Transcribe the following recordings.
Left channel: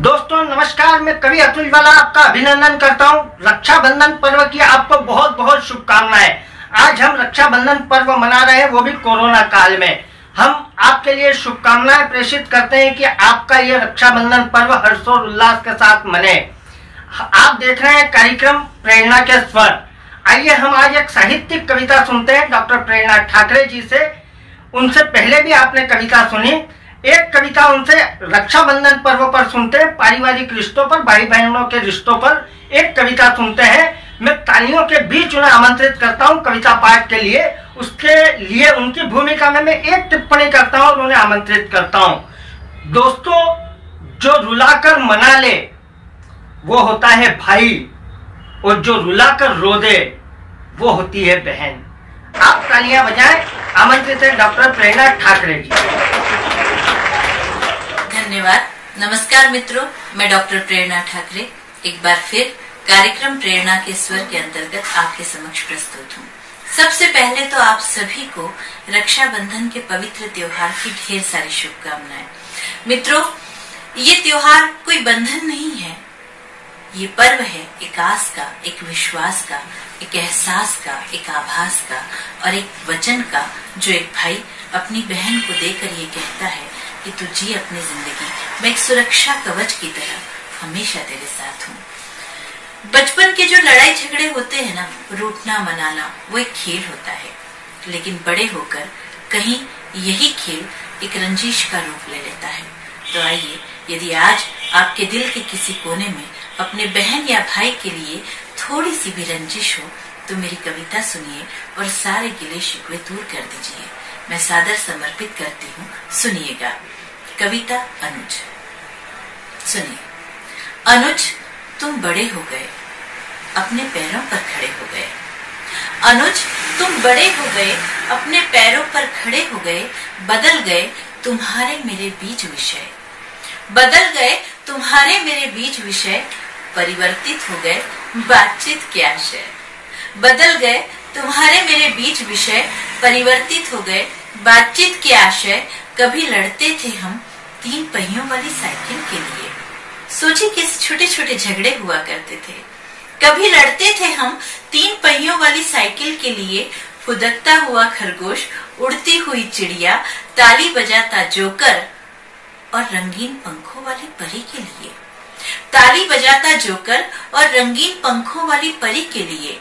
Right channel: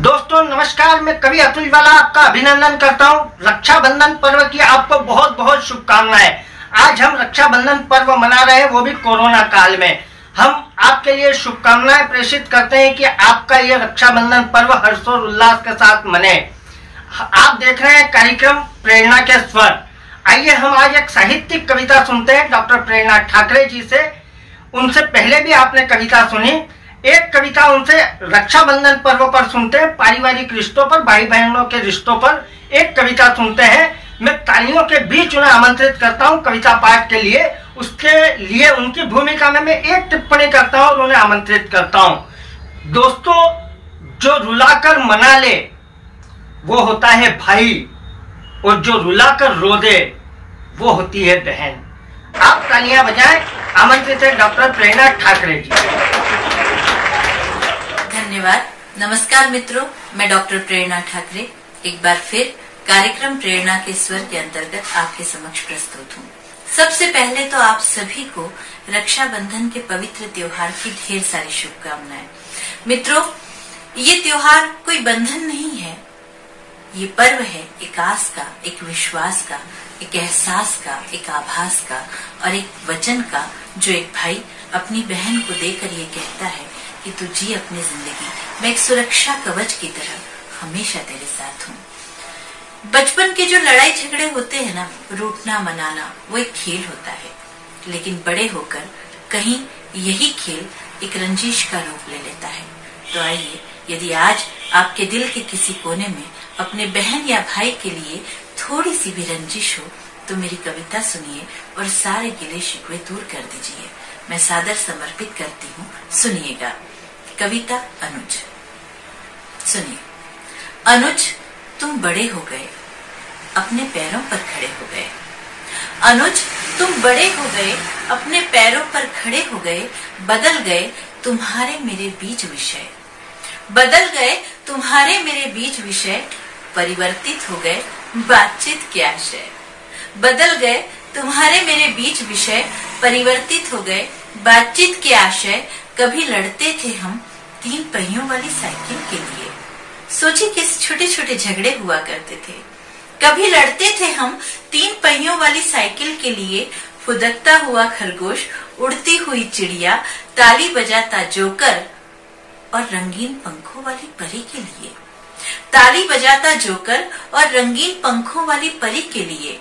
दोस्तों नमस्कार, मैं कवि अतुल वाला आपका अभिनंदन करता हूं। रक्षाबंधन पर्व की आपको बहुत बहुत शुभकामनाएं। आज हम रक्षाबंधन पर्व मना रहे हैं, वो भी कोरोना काल में। हम आपके लिए शुभकामनाएं प्रेषित करते हैं कि आपका ये रक्षाबंधन पर्व हर्षोल्लास के साथ मने। आप देख रहे हैं कार्यक्रम प्रेरणा के स्वर। आइए हम आज एक साहित्यिक कविता सुनते हैं डॉक्टर प्रेरणा ठाकरे जी से। उनसे पहले भी आपने कविता सुनी। एक कविता उनसे रक्षाबंधन पर्व पर सुनते हैं, पारिवारिक रिश्तों पर, भाई बहनों के रिश्तों पर एक कविता सुनते हैं। मैं तालियों के बीच उन्हें आमंत्रित करता हूं कविता पाठ के लिए। उसके लिए उनकी भूमिका में मैं एक टिप्पणी करता हूं और उन्हें आमंत्रित करता हूं। दोस्तों, जो रुलाकर मना ले वो होता है भाई, और जो रुलाकर रो दे वो होती है बहन। आप तालियां बजाएं। आमंत्रित है डॉक्टर प्रेरणा ठाकरे जी। धन्यवाद। नमस्कार मित्रों, मैं डॉक्टर प्रेरणा ठाकरे एक बार फिर कार्यक्रम प्रेरणा के स्वर के अंतर्गत आपके समक्ष प्रस्तुत हूँ। सबसे पहले तो आप सभी को रक्षाबंधन के पवित्र त्योहार की ढेर सारी शुभकामनाएं। मित्रों, ये त्योहार कोई बंधन नहीं है, ये पर्व है एक आस का, एक विश्वास का, एक एहसास का, एक आभास का और एक वचन का, जो एक भाई अपनी बहन को देकर ये कहता है कि तू जी अपनी जिंदगी, मैं एक सुरक्षा कवच की तरह हमेशा तेरे साथ हूँ। बचपन के जो लड़ाई झगड़े होते हैं ना, रूठना मनाना, वो एक खेल होता है, लेकिन बड़े होकर कहीं यही खेल एक रंजिश का रूप ले लेता है। तो आइए, यदि आज आपके दिल के किसी कोने में अपने बहन या भाई के लिए थोड़ी सी भी रंजिश हो, तो मेरी कविता सुनिए और सारे गिले शिकवे दूर कर दीजिए। मैं सादर समर्पित करती हूँ, सुनिएगा। कविता अनुज। सुनिए। अनुज, तुम बड़े हो गए, अपने पैरों पर खड़े हो गए। अनुज, तुम बड़े हो गए, अपने पैरों पर खड़े हो गए। बदल गए तुम्हारे मेरे बीच विषय, बदल गए तुम्हारे मेरे बीच विषय। परिवर्तित हो गए बातचीत के आशय, बदल गए तुम्हारे मेरे बीच विषय। परिवर्तित हो गए बातचीत के आशय। कभी लड़ते थे हम 3 पहियों वाली साइकिल के लिए। सोचिए किस छोटे छोटे झगड़े हुआ करते थे। कभी लड़ते थे हम 3 पहियों वाली साइकिल के लिए। फुदकता हुआ खरगोश, उड़ती हुई चिड़िया, ताली बजाता जोकर और रंगीन पंखों वाली परी के लिए। ताली बजाता जोकर और रंगीन पंखों वाली परी के लिए।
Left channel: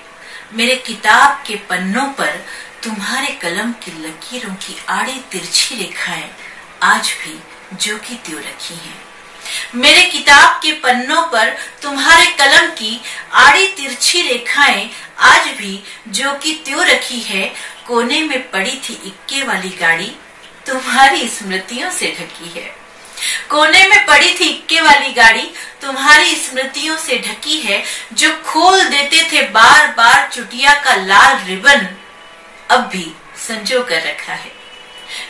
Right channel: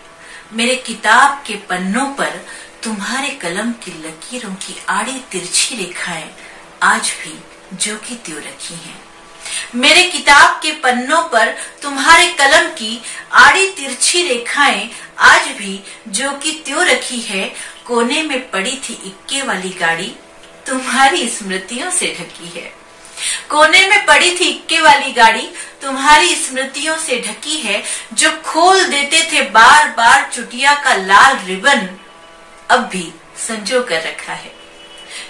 मेरे किताब के पन्नों पर तुम्हारे कलम की लकीरों की आड़ी तिरछी रेखाएं आज भी जो की त्यों रखी हैं। मेरे किताब के पन्नों पर तुम्हारे कलम की आड़ी तिरछी रेखाएं आज भी जो की त्यों रखी है। कोने में पड़ी थी इक्के वाली गाड़ी, तुम्हारी स्मृतियों से ढकी है। कोने में पड़ी थी इक्के वाली गाड़ी, तुम्हारी स्मृतियों से ढकी है। जो खोल देते थे बार बार चुटिया का लाल रिबन, अब भी संजो कर रखा है।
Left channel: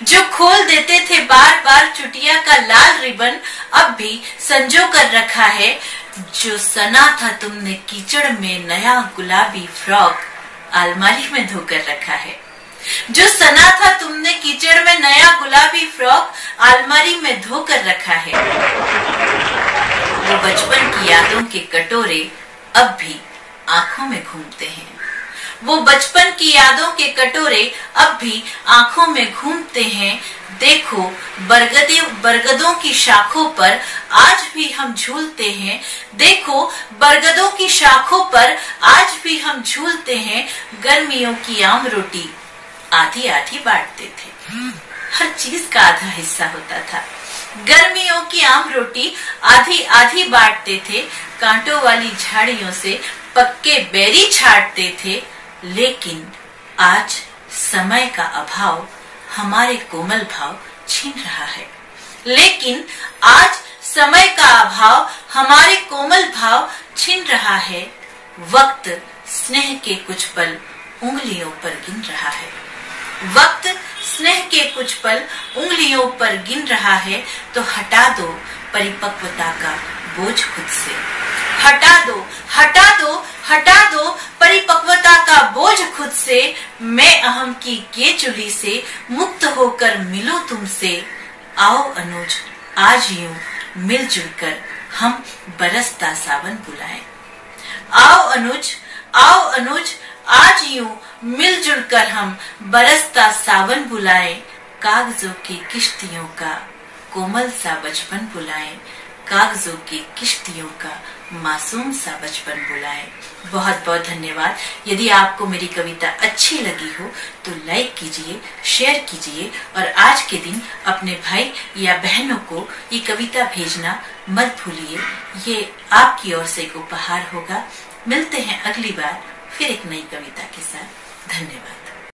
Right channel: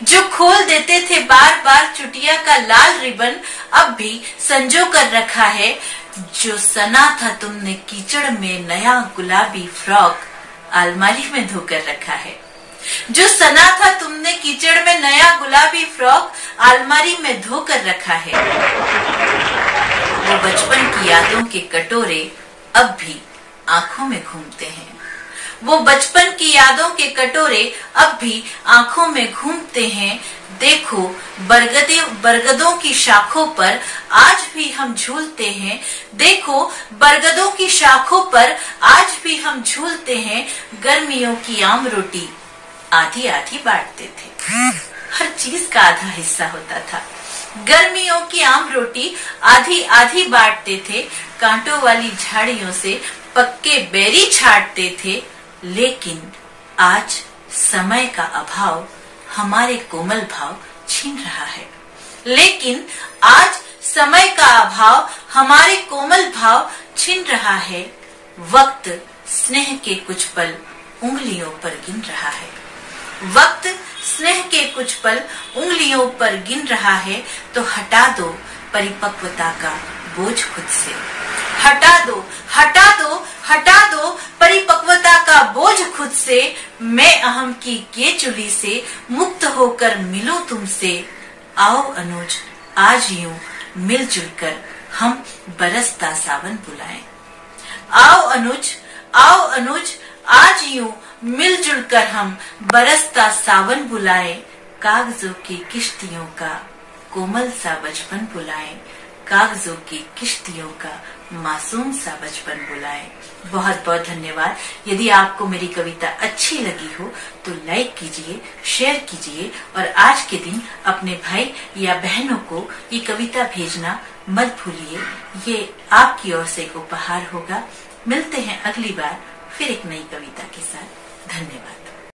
जो खोल देते थे बार बार चुटिया का लाल रिबन, अब भी संजो कर रखा है। जो सना था तुमने कीचड़ में नया गुलाबी फ्रॉक, अलमारी में धोकर रखा है। जो सना था तुमने कीचड़ में नया गुलाबी फ्रॉक, अलमारी में धोकर रखा है। वो बचपन की यादों के कटोरे अब भी आंखों में घूमते हैं। वो बचपन की यादों के कटोरे अब भी आंखों में घूमते हैं। देखो बरगदों की शाखों पर आज भी हम झूलते हैं। देखो बरगदों की शाखों पर आज भी हम झूलते हैं। गर्मियों की आम रोटी आधी आधी बांटते थे, हर चीज का आधा हिस्सा होता था। गर्मियों की आम रोटी आधी आधी बांटते थे। कांटों वाली झाड़ियों से पक्के बेरी छाटते थे। लेकिन आज समय का अभाव हमारे कोमल भाव छीन रहा है। लेकिन आज समय का अभाव हमारे कोमल भाव छीन रहा है। वक्त स्नेह के कुछ पल उंगलियों पर गिन रहा है। वक्त स्नेह के कुछ पल उंगलियों पर गिन रहा है। तो हटा दो परिपक्वता का बोझ खुद से। हटा दो, हटा दो, हटा दो परिपक्वता का बोझ खुद से। मैं अहम की ये चुली से मुक्त होकर मिलूं तुमसे। आओ अनुज, आज यूं मिलजुल कर हम बरसता सावन बुलाएं। आओ अनुज, आज यूं मिलजुल कर हम बरसता सावन बुलाएं। कागजों की किश्तियों का कोमल सा बचपन बुलाएं, कागजों की किश्तियों का मासूम सा बचपन बुलाएं। बहुत बहुत धन्यवाद। यदि आपको मेरी कविता अच्छी लगी हो तो लाइक कीजिए, शेयर कीजिए और आज के दिन अपने भाई या बहनों को ये कविता भेजना मत भूलिए। ये आपकी ओर से एक उपहार होगा। मिलते हैं अगली बार फिर एक नई कविता के साथ। धन्यवाद।